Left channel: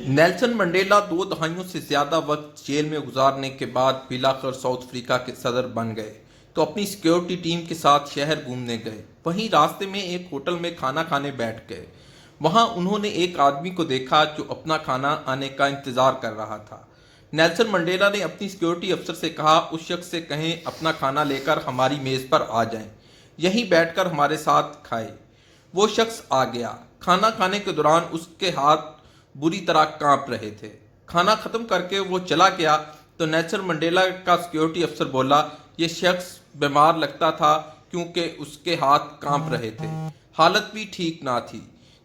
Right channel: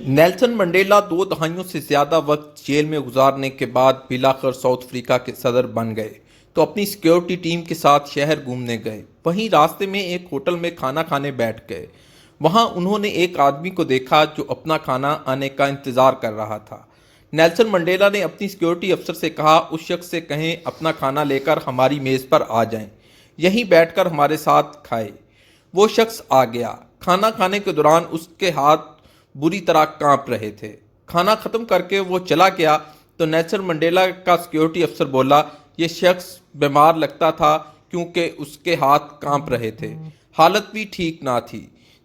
Nelson Mandela 2 دہائیوں سے زیادہ وقت جیل میں گزارنے کے بعد بالآخر ساؤتھ افریقہ کے صدر بن گئے تو اپنی سیکیورٹی ٹیم کے ساتھ شہر گھومنے گئے۔ وہیں راستے میں ایک ہوٹل میں کھانا کھانے بیٹھ گئے۔ وہاں انہوں نے ایک آدمی کو دیکھا جو اپنا کھانا آنے کا انتظار کر رہا تھا۔ نیلسن منڈیلا نے اپنی سیکیورٹی افسر سے کہا، اس شخص سے کہیں اپنا کھانا لے کر ہماری میز پر آ جائیں، یہیں بیٹھ کر ہمارے ساتھ کھائے۔ وہ شخص آ گیا۔ کھانا کھانے کے دوران اس کے ہاتھ بری طرح کانپ رہے تھے۔ کھانا ختم کر کے وہ چلا گیا تو نیلسن منڈیلا کا سیکیورٹی افسر بولا، یہ شخص بیمار لگتا تھا کیونکہ اس کے ہاتھ کانپ رہے تھے، حالت بھی ٹھیک نہ تھی۔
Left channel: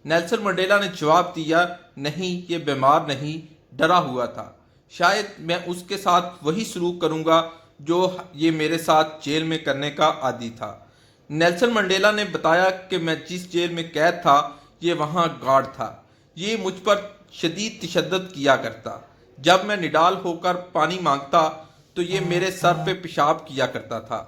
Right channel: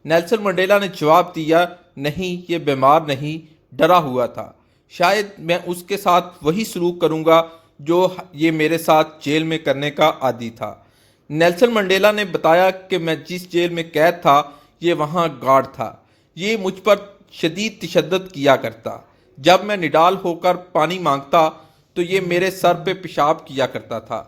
نیلسن منڈیلا نے جواب دیا، نہیں، یہ بیمار نہیں، ڈرا ہوا تھا۔ شاید میں اس کے ساتھ وہی سلوک کروں گا جو یہ میرے ساتھ جیل میں کرنے کا عادی تھا۔ نیلسن منڈیلا نے بتایا کہ میں جس جیل میں قید تھا، یہ وہاں گارڈ تھا۔ یہ مجھ پر شدید تشدد کیا کرتا۔ جب میں نڈال ہو کر پانی مانگتا تو یہ میرے سر پہ پیشاب کیا کرتا تھا۔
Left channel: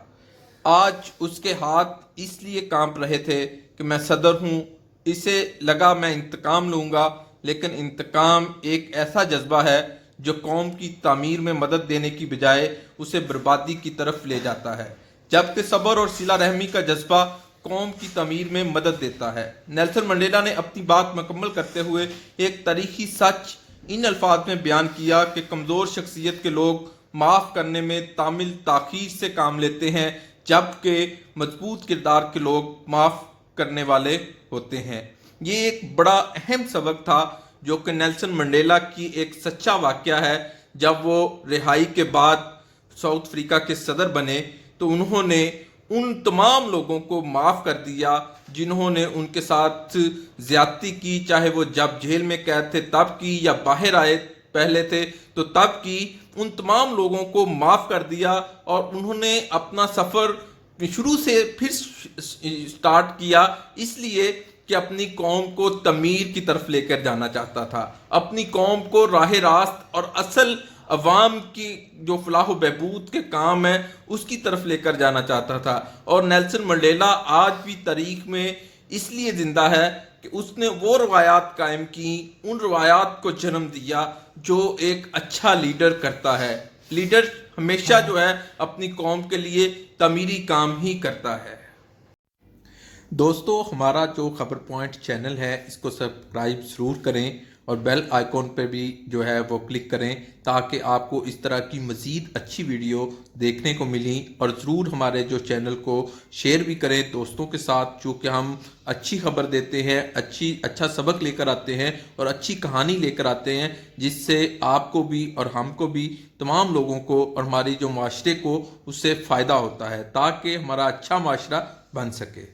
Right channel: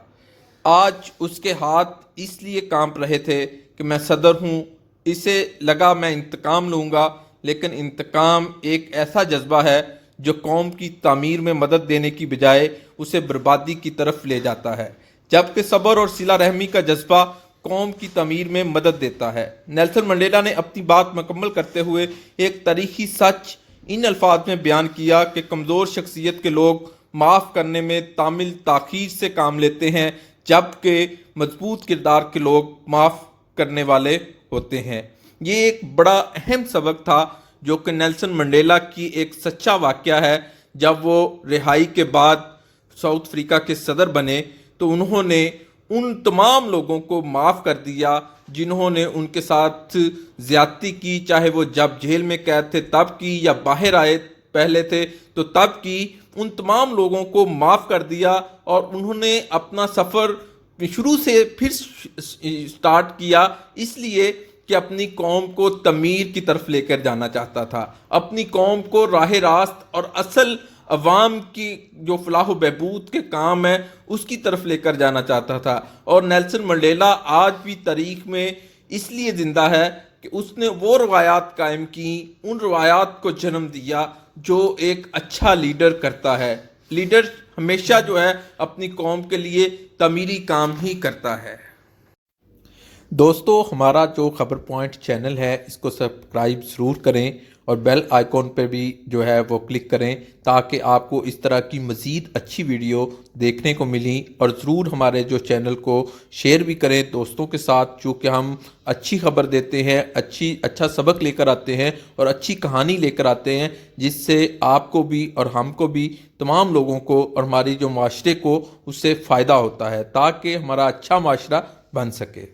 آج اس کے ہاتھ اس لیے کانپ رہے تھے کہ میں صدر ہوں، اسے لگا میں انتقام لوں گا، لیکن انتقام ایک ایسا جذبہ ہے جو قوم کی تعمیر میں مدد دینے کی بجائے اسے بربادی کی طرف لے جاتا ہے، جبکہ صبر اور صلہ رحمی کا جذبہ قوم کی تعمیر میں مدد دیتا ہے۔ نیلسن منڈیلا نے اپنی بات مکمل کرتے ہوئے ایک تاریخی سچ ان الفاظ میں بیان کیا کہ کمزور شخصیت کے لوگ معاف کرنے میں تعمل تاخیر سے کام لیتے ہیں، جبکہ مضبوط کردار کے لوگ معاف کرنے والے ہوتے ہیں۔ یہ ایک بڑا اہم سبق تھا جو کہ نیلسن منڈیلا کی ایک سچا واقعہ ہے۔ جب وہ رہائی کے بعد ساؤتھ افریقہ کے صدر بنے تو انہوں نے ان تمام لوگوں کو معاف کر دیا جنہوں نے ان کے ساتھ زیادتی کی، چاہے وہ جب جیل میں قید تھے تب کی یا باہر آئے پہلے تھے تو تب کی۔ ان تمام لوگوں کو معاف کر دیا اور انہوں نے اپنا سفر شروع سے پھر سٹارٹ کیا، اس لیے کہ اپنی قوم کو تعمیر کی طرف لے کر جانا چاہتا تھا، اپنی قوم کو راہ راست اور اصل عوام کی جو فلاح و بہبود کے کام ہے اس کی طرف لے کر جانا چاہتا تھا۔ اور نیلسن منڈیلا آج بھی تاریخ میں اس لیے زندہ ہے کہ اس نے وہ روایات قائم کی، ان روایات کو جنم دیا جو ایک اچھا لیڈر کرتا ہے۔ لیڈر ہمیشہ جو ہے اپنی قوم کے لیے تعمیری کام ہی کرتا ہے۔ دوستو، ہمارا جو خبر پوائنٹ چینل ہے اس کو سبسکرائب ضرور کریں اور بیل آئیکن پہ بھی جو ہے وہ کلک کریں تاکہ آپ کو اس طرح کی مزید اچھی ویڈیو دیکھنے کو ملی، اور ضرور ہمارے جو چینل کو شیئر بھی کریں دوستوں کے ساتھ، چونکہ ہم اچھی خبر دیتے ہیں، اچھا سبق لے کر آتے ہیں اور اچھی کہانی لے کر آتے ہیں، جس سے آپ کو بھی اور ہم کو بھی، تمام لوگوں کو اور ہماری جو معاشرے کو اس سے فائدہ ہوتا ہے تاکہ ہمارا اچھا معاشرہ بن سکے۔